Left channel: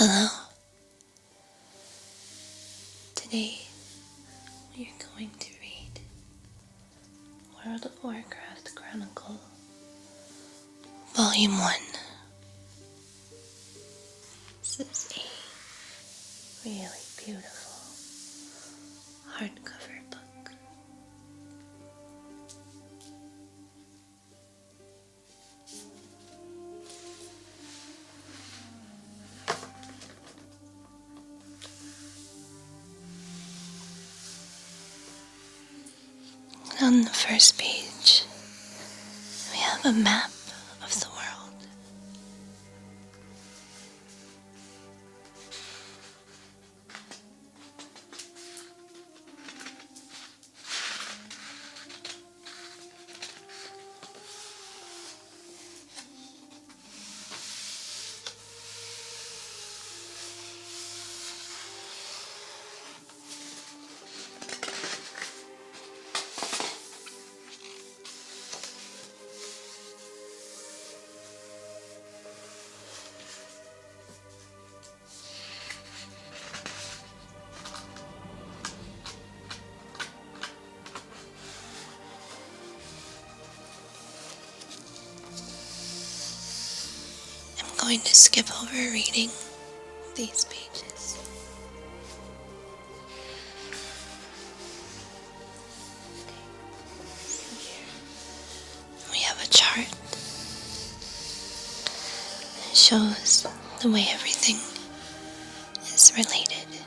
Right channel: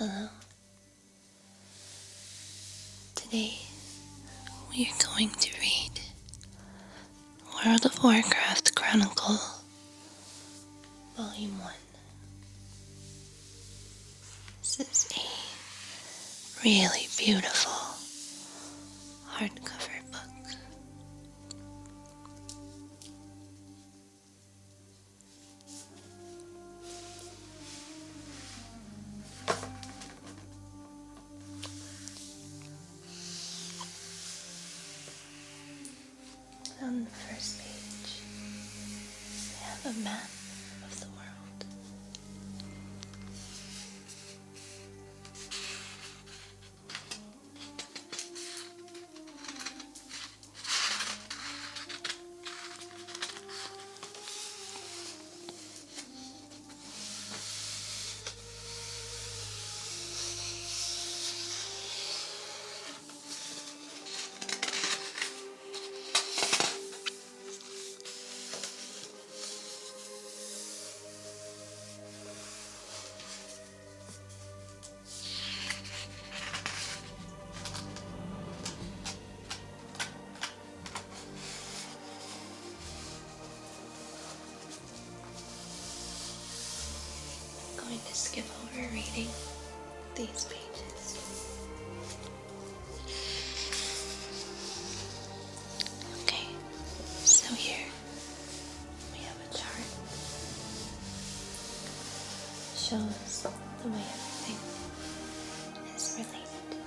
Hello. Today we are going to read World of Warcraft Chronicle, Volume 1. This is a really beautiful hardcover book. On the first page, we have a map of the world. I'm going to skip over reading these pages. Okay, so here we have a chart. It shows the way everything is related.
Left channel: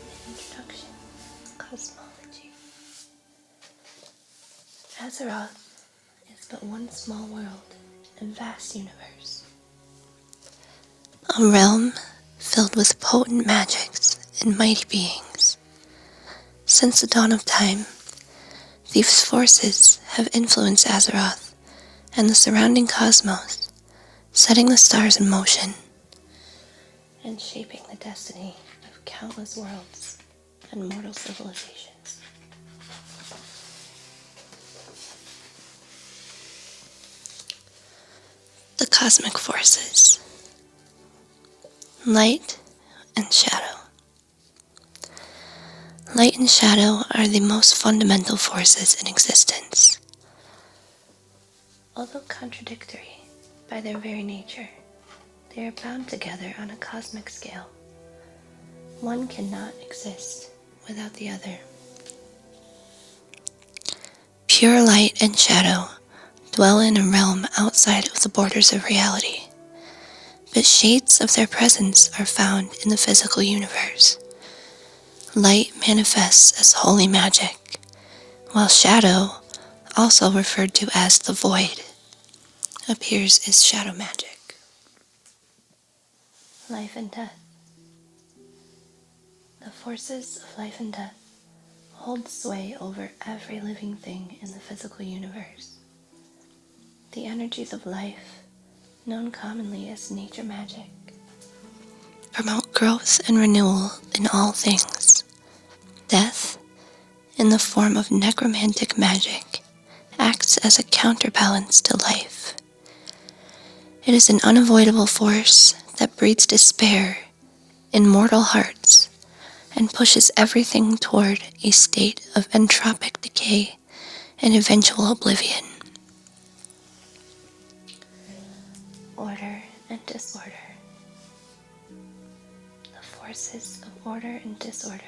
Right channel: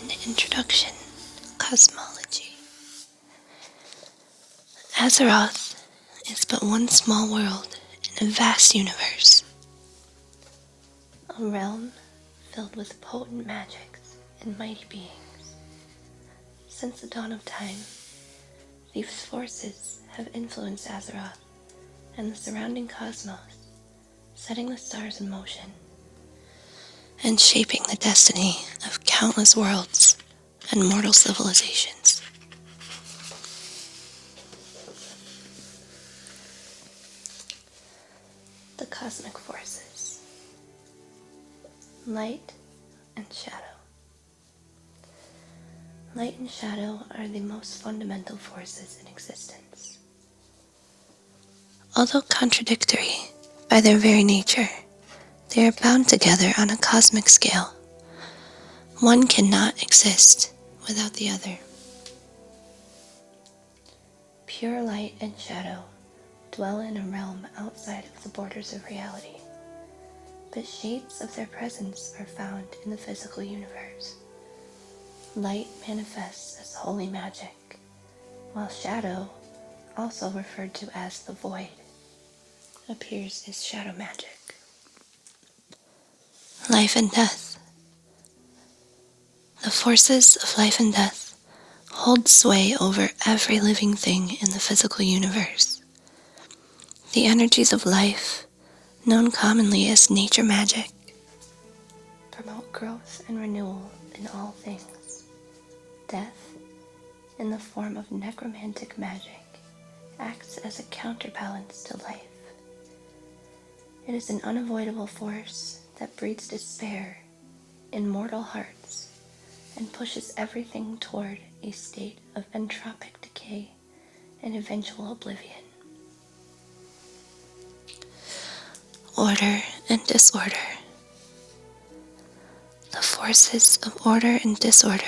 An introduction, cosmology. Azeroth is but one small world in a vast universe. A realm filled with potent magics and mighty beings. Since the dawn of time, these forces have influenced Azeroth and the surrounding cosmos, setting the stars in motion and shaping the destiny of countless worlds and mortal civilizations. The cosmic forces, light and shadow. Light and shadow are the most fundamental forces in existence. Although contradictory by their very nature, they are bound together on a cosmic scale. One cannot exist without the other. Pure light and shadow dwell in a realm outside of the borders of reality, but shades of their presence are found in the physical universe. Light manifests as holy magic, while shadow, also referred to as the void, appears as shadow magic. Life and death. The forces of life and death hold sway over every living thing in the physical universe. The energies of life, known commonly as nature magic, promote growth and renewal in all things. Death, in the form of necromantic magic, acts as a counterbalance to life. It is an unavoidable force that breeds despair in mortal hearts and pushes everything toward a state of entropic decay and eventual oblivion. Order and disorder. The forces of order and disorder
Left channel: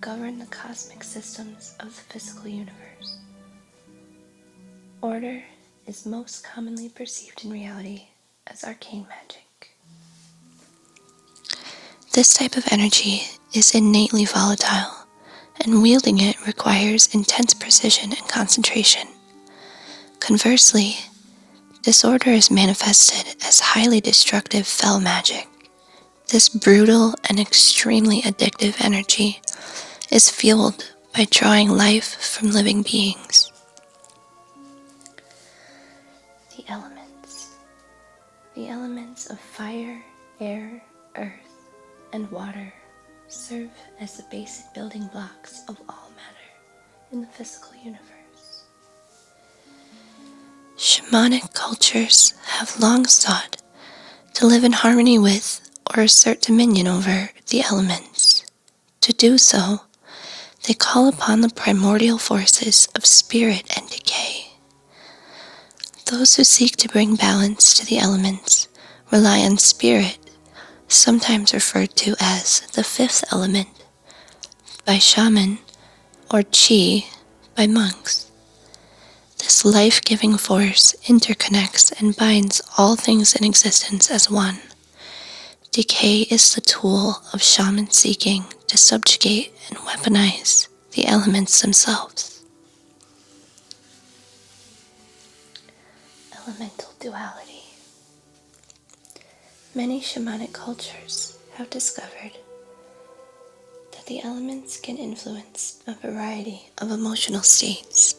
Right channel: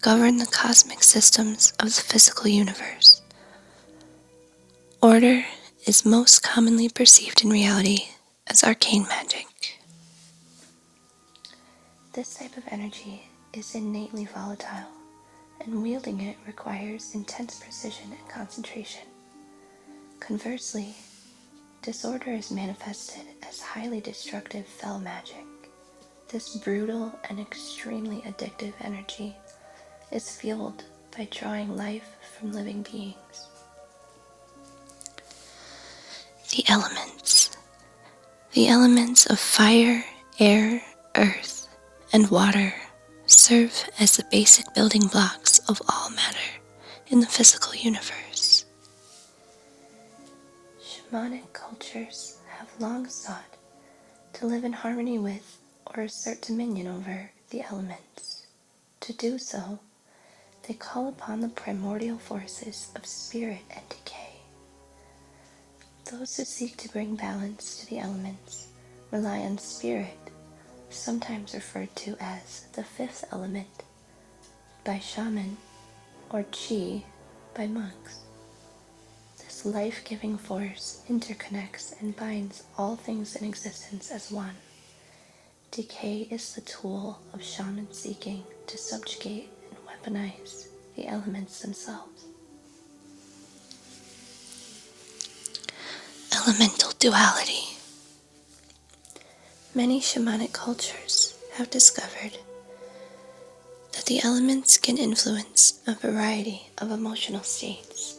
govern the cosmic systems of the physical universe. Order is most commonly perceived in reality as arcane magic. This type of energy is innately volatile, and wielding it requires intense precision and concentration. Conversely, disorder is manifested as highly destructive fell magic. This brutal and extremely addictive energy is fueled by drawing life from living beings. The elements. The elements of fire, air, earth, and water serve as the basic building blocks of all matter in the physical universe. Shamanic cultures have long sought to live in harmony with or assert dominion over the elements. To do so, they call upon the primordial forces of spirit and decay. Those who seek to bring balance to the elements rely on spirit, sometimes referred to as the fifth element by shaman, or chi by monks. This life-giving force interconnects and binds all things in existence as one. Decay is the tool of shaman seeking to subjugate and weaponize the elements themselves. Elemental duality. Many shamanic cultures have discovered that the elements can influence a variety of emotional states.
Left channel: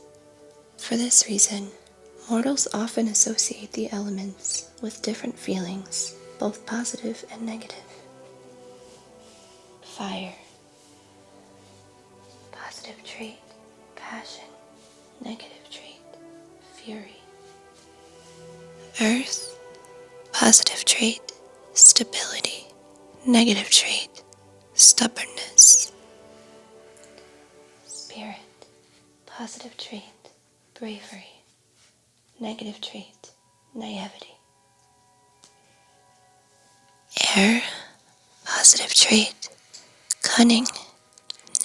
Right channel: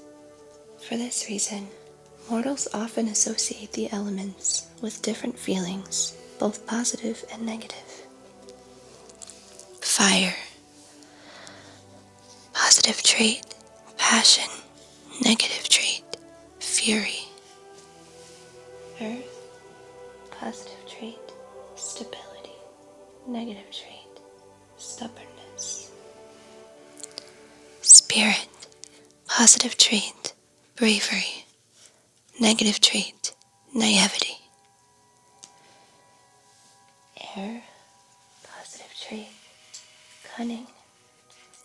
For this reason, mortals often associate the elements with different feelings, both positive and negative. Fire. Positive trait, passion. Negative trait, fury. Earth. Positive trait, stability. Negative trait, stubbornness. Spirit. Positive trait, bravery. Negative trait, naivety. Air. Positive trait, cunning.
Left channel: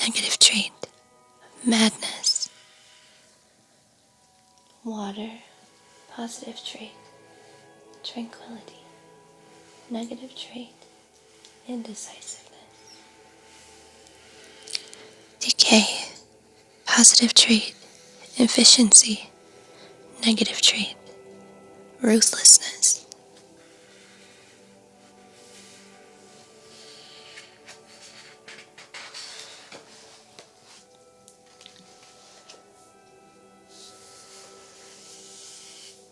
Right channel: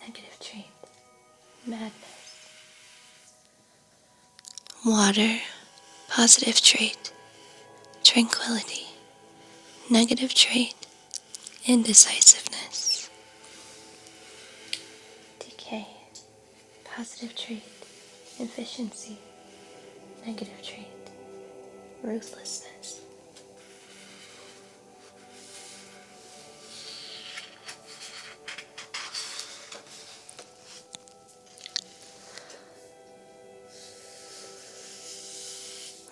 Negative trait, madness. Water. Positive trait, tranquility. Negative trait, indecisiveness. Decay. Positive trait, efficiency. Negative trait, ruthlessness.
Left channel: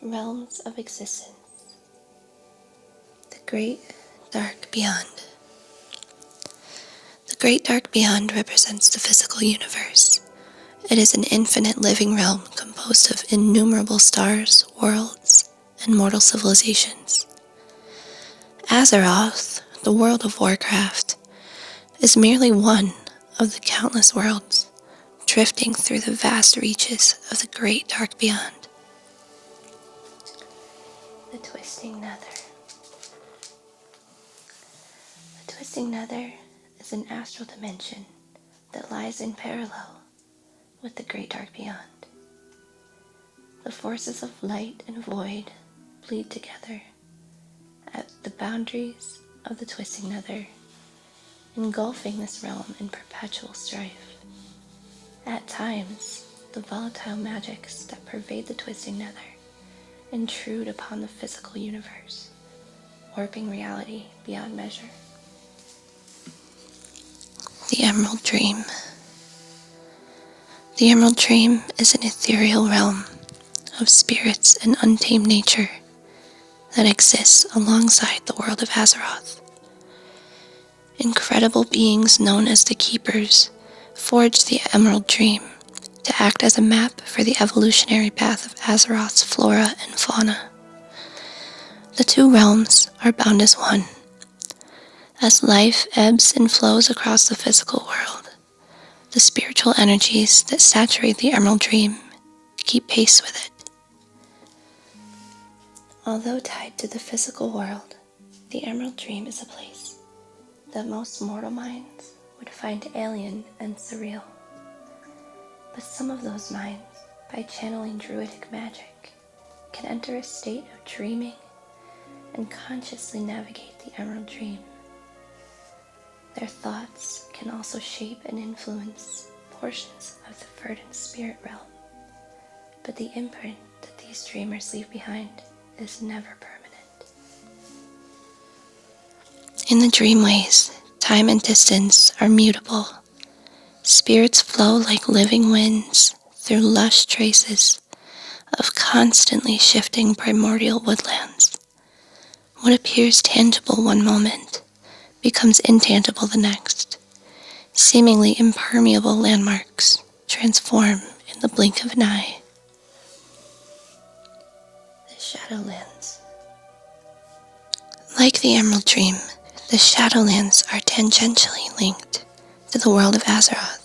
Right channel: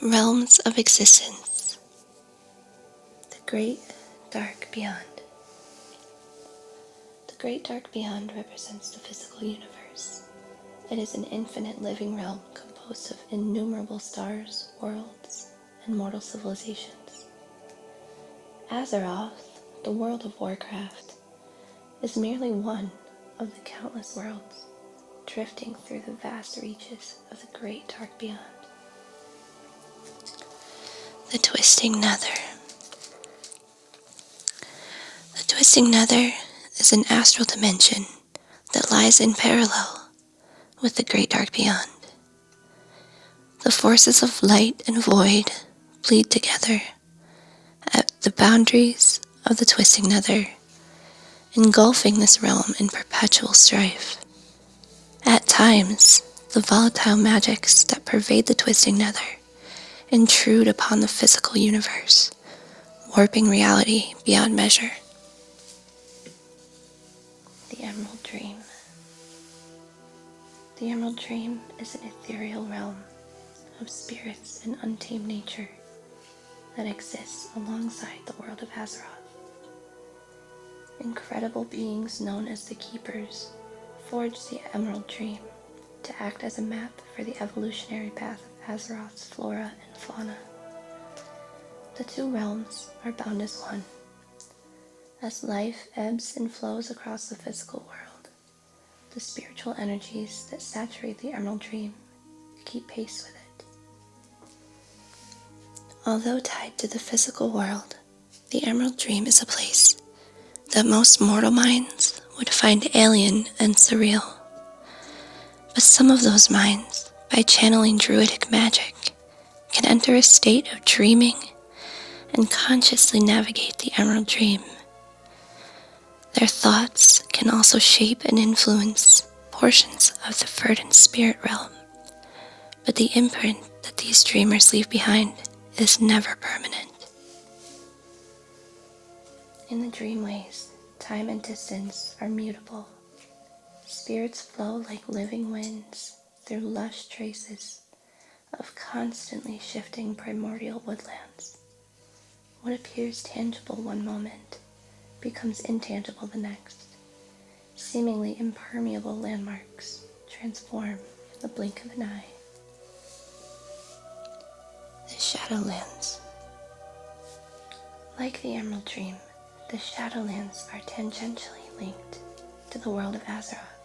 Realms of existence. The Great Dark Beyond. The Great Dark Beyond represents the physical universe. It is an infinite living realm composed of innumerable stars, worlds, and mortal civilizations. Azeroth, the World of Warcraft, is merely one of the countless worlds drifting through the vast reaches of the Great Dark Beyond. The Twisting Nether. The Twisting Nether is an astral dimension that lies in parallel with the Great Dark Beyond. The forces of light and void bleed together at the boundaries of the Twisting Nether, engulfing this realm in perpetual strife. At times, the volatile magics that pervade the Twisting Nether intrude upon the physical universe, warping reality beyond measure. The Emerald Dream. The Emerald Dream is an ethereal realm of spirits and untamed nature that exists alongside the world of Azeroth. Incredible beings known as the Keepers forged the Emerald Dream to act as a map for the evolutionary path of Azeroth's flora and fauna. The two realms are bound as one. As life ebbs and flows across the physical world, the spiritual energies that saturate the Emerald Dream keep pace with it. Although tied to the physical world, the Emerald Dream is a place that most mortal minds would find alien and surreal. But some of those minds, by channeling druidic magic, can enter a state of dreaming and consciously navigate the Emerald Dream. Their thoughts can also shape and influence portions of the verdant spirit realm, but the imprint that these dreamers leave behind is never permanent. In the dreamways, time and distance are mutable. Spirits flow like living winds through lush traces of constantly shifting primordial woodlands. What appears tangible one moment becomes intangible the next. Seemingly impermeable landmarks transform in the blink of an eye. Shadowlands. Like the Emerald Dream, the Shadowlands are tangentially linked to the world of Azeroth.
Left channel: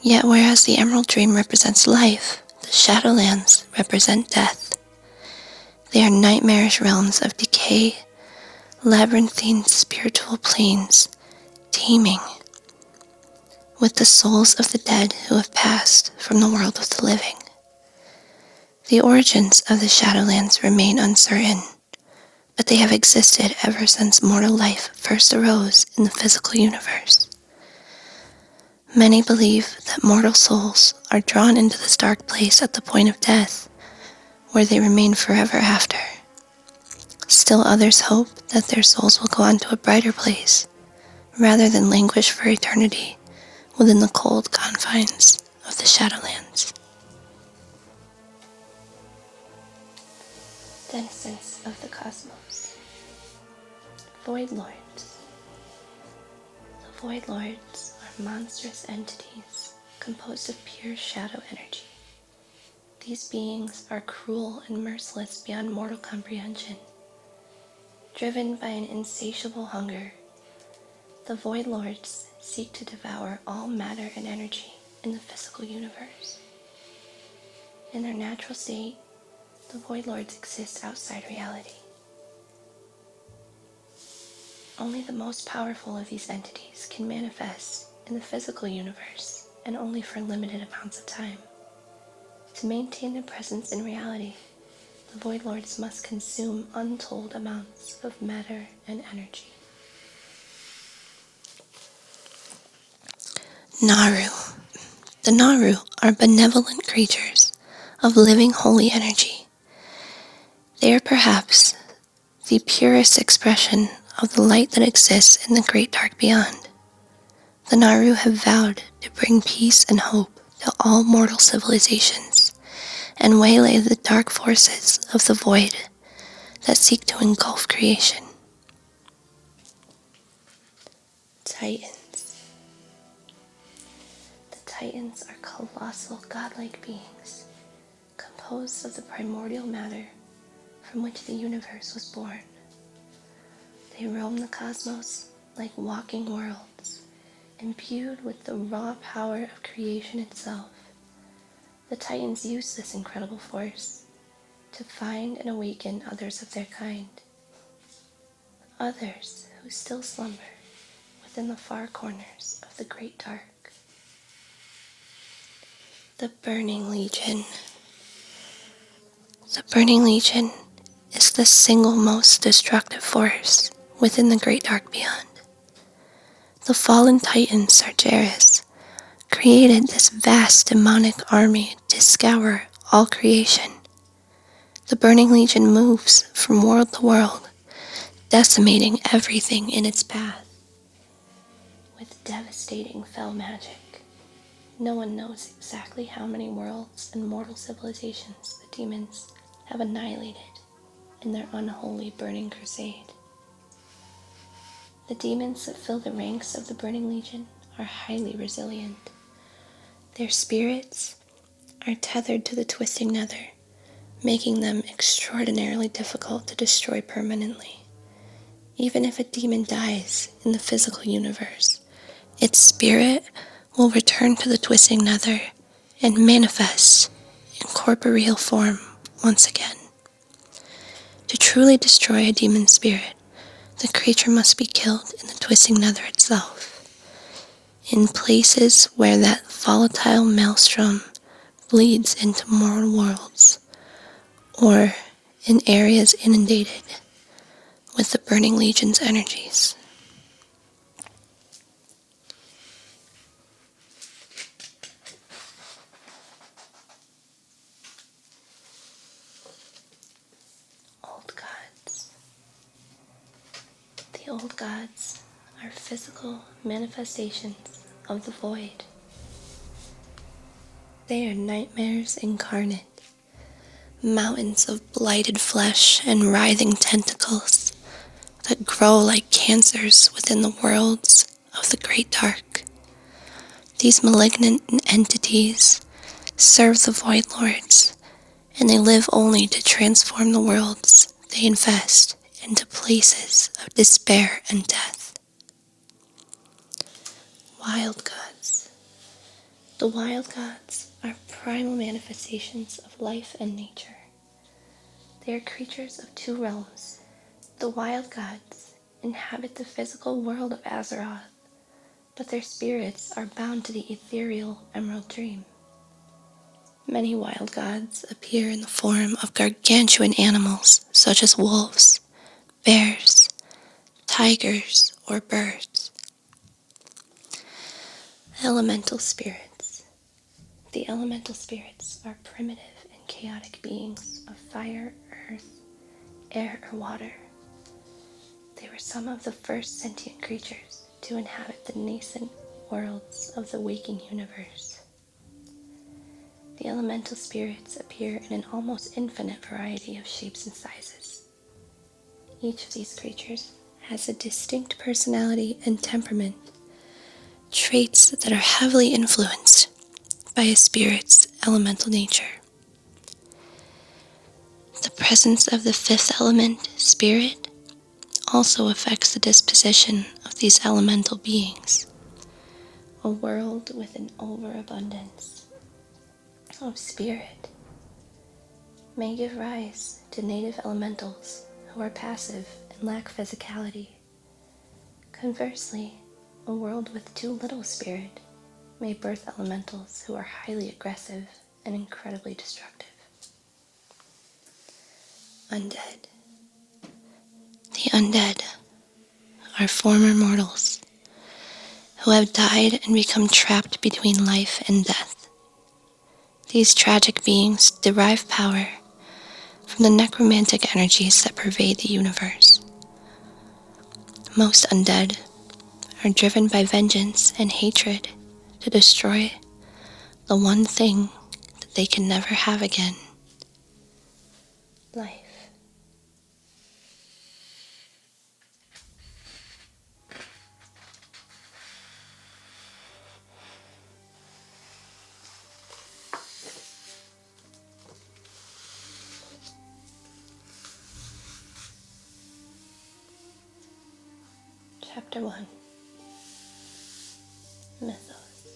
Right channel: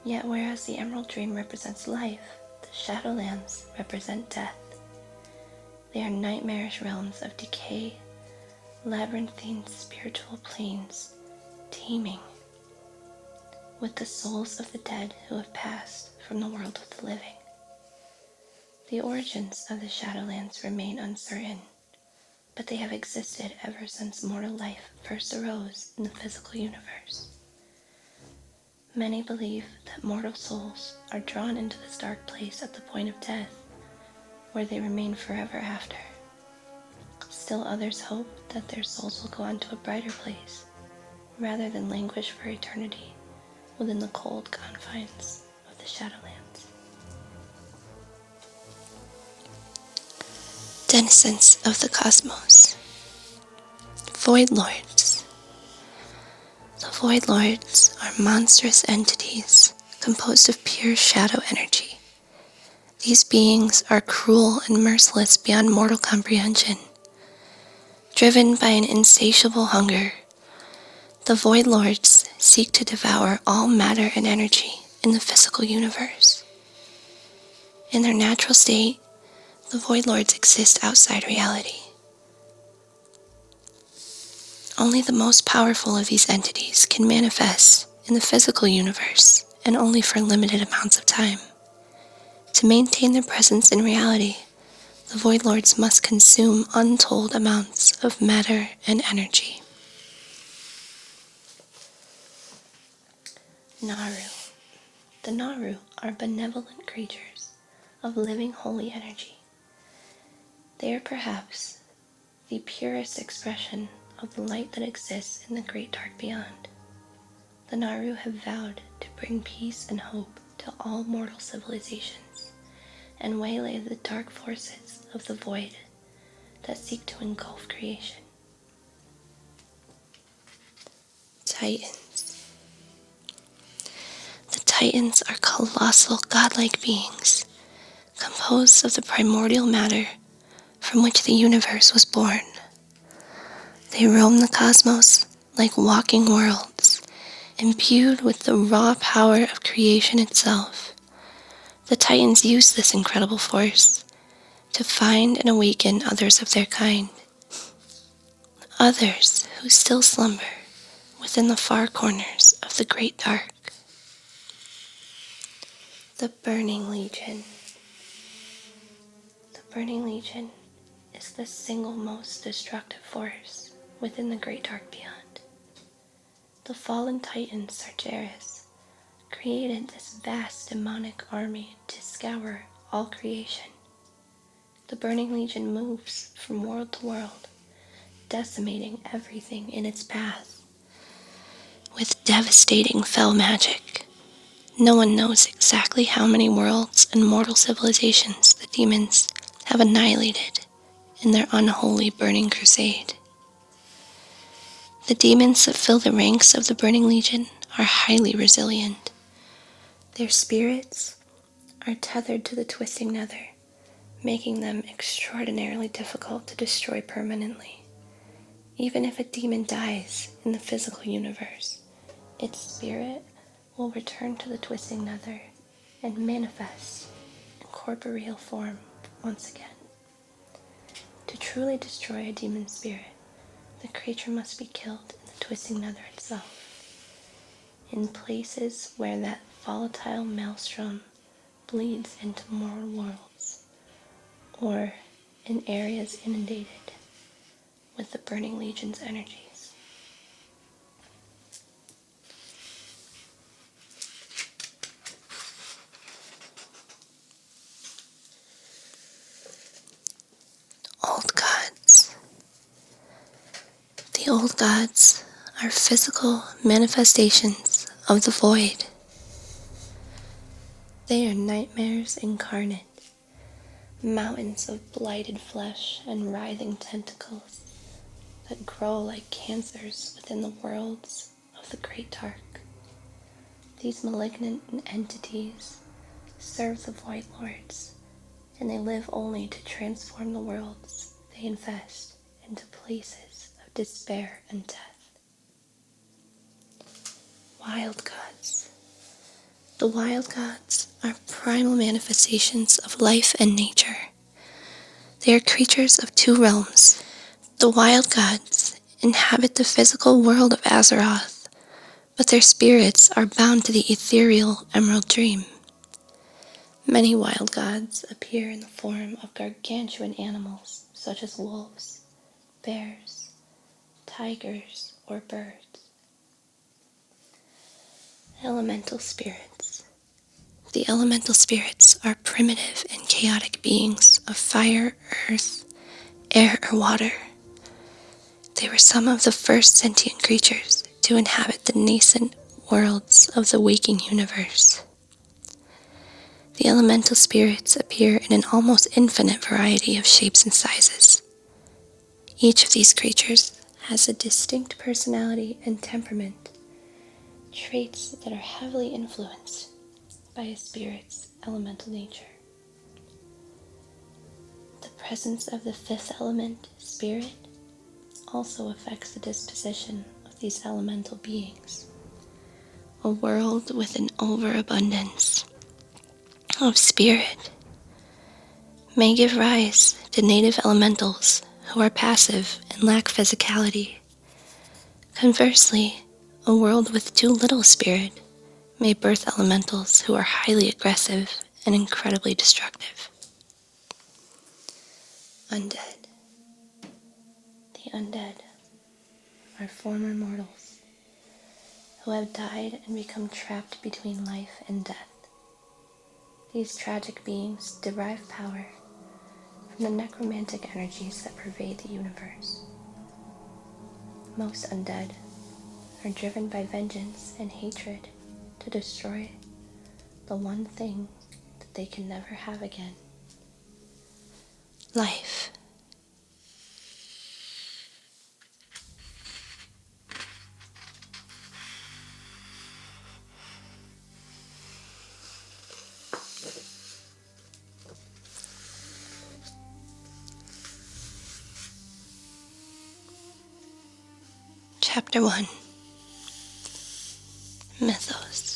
Yet whereas the Emerald Dream represents life, the Shadowlands represent death. They are nightmarish realms of decay, labyrinthine spiritual planes teeming with the souls of the dead who have passed from the world of the living. The origins of the Shadowlands remain uncertain, but they have existed ever since mortal life first arose in the physical universe. Many believe that mortal souls are drawn into this dark place at the point of death, where they remain forever after. Still others hope that their souls will go on to a brighter place, rather than languish for eternity within the cold confines of the Shadowlands. Denizens of the cosmos. Void Lords. The Void Lords are monstrous entities composed of pure shadow energy. These beings are cruel and merciless beyond mortal comprehension. Driven by an insatiable hunger, the Void Lords seek to devour all matter and energy in the physical universe. In their natural state, the Void Lords exist outside reality. Only the most powerful of these entities can manifest in the physical universe, and only for limited amounts of time. To maintain their presence in reality, the Void Lords must consume untold amounts of matter and energy. Naru. The Naru are benevolent creatures of living holy energy. They are perhaps the purest expression of the light that exists in the great dark beyond. The Naru have vowed to bring peace and hope to all mortal civilizations and waylay the dark forces of the void that seek to engulf creation. Titans. The Titans are colossal godlike beings composed of the primordial matter from which the universe was born. They roam the cosmos like walking worlds, imbued with the raw power of creation itself. The Titans use this incredible force to find and awaken others of their kind, others who still slumber within the far corners of the great dark. The Burning Legion. The Burning Legion is the single most destructive force within the great dark beyond. The fallen Titan Sargeras created this vast demonic army to scour all creation. The Burning Legion moves from world to world, decimating everything in its path. With devastating fell magic, no one knows exactly how many worlds and mortal civilizations the demons have annihilated in their unholy burning crusade. The demons that fill the ranks of the Burning Legion are highly resilient. Their spirits are tethered to the twisting nether, making them extraordinarily difficult to destroy permanently. Even if a demon dies in the physical universe, its spirit will return to the twisting nether and manifest in corporeal form once again. To truly destroy a demon spirit, the creature must be killed in the twisting nether itself, in places where that volatile maelstrom bleeds into mortal worlds, or in areas inundated with the Burning Legion's energies. Old gods. The old gods are physical manifestations of the void. They are nightmares incarnate, mountains of blighted flesh and writhing tentacles that grow like cancers within the worlds of the great dark. These malignant entities serve the Void Lords and they live only to transform the worlds they infest into places of despair and death. Wild gods. The wild gods are primal manifestations of life and nature. They are creatures of two realms. The wild gods inhabit the physical world of Azeroth, but their spirits are bound to the ethereal Emerald Dream. Many wild gods appear in the form of gargantuan animals such as wolves, bears, tigers, or birds. Elemental spirits. The elemental spirits are primitive and chaotic beings of fire, earth, air, or water. They were some of the first sentient creatures to inhabit the nascent worlds of the waking universe. The elemental spirits appear in an almost infinite variety of shapes and sizes. Each of these creatures has a distinct personality and temperament, traits that are heavily influenced by a spirit's elemental nature. The presence of the fifth element, spirit, also affects the disposition of these elemental beings. A world with an overabundance of spirit may give rise to native elementals who are passive and lack physicality. Conversely, a world with too little spirit may birth elementals who are highly aggressive and incredibly destructive. Undead. The undead are former mortals who have died and become trapped between life and death. These tragic beings derive power from the necromantic energies that pervade the universe. Most undead are driven by vengeance and hatred to destroy the one thing that they can never have again: life. Chapter 1. Mythos.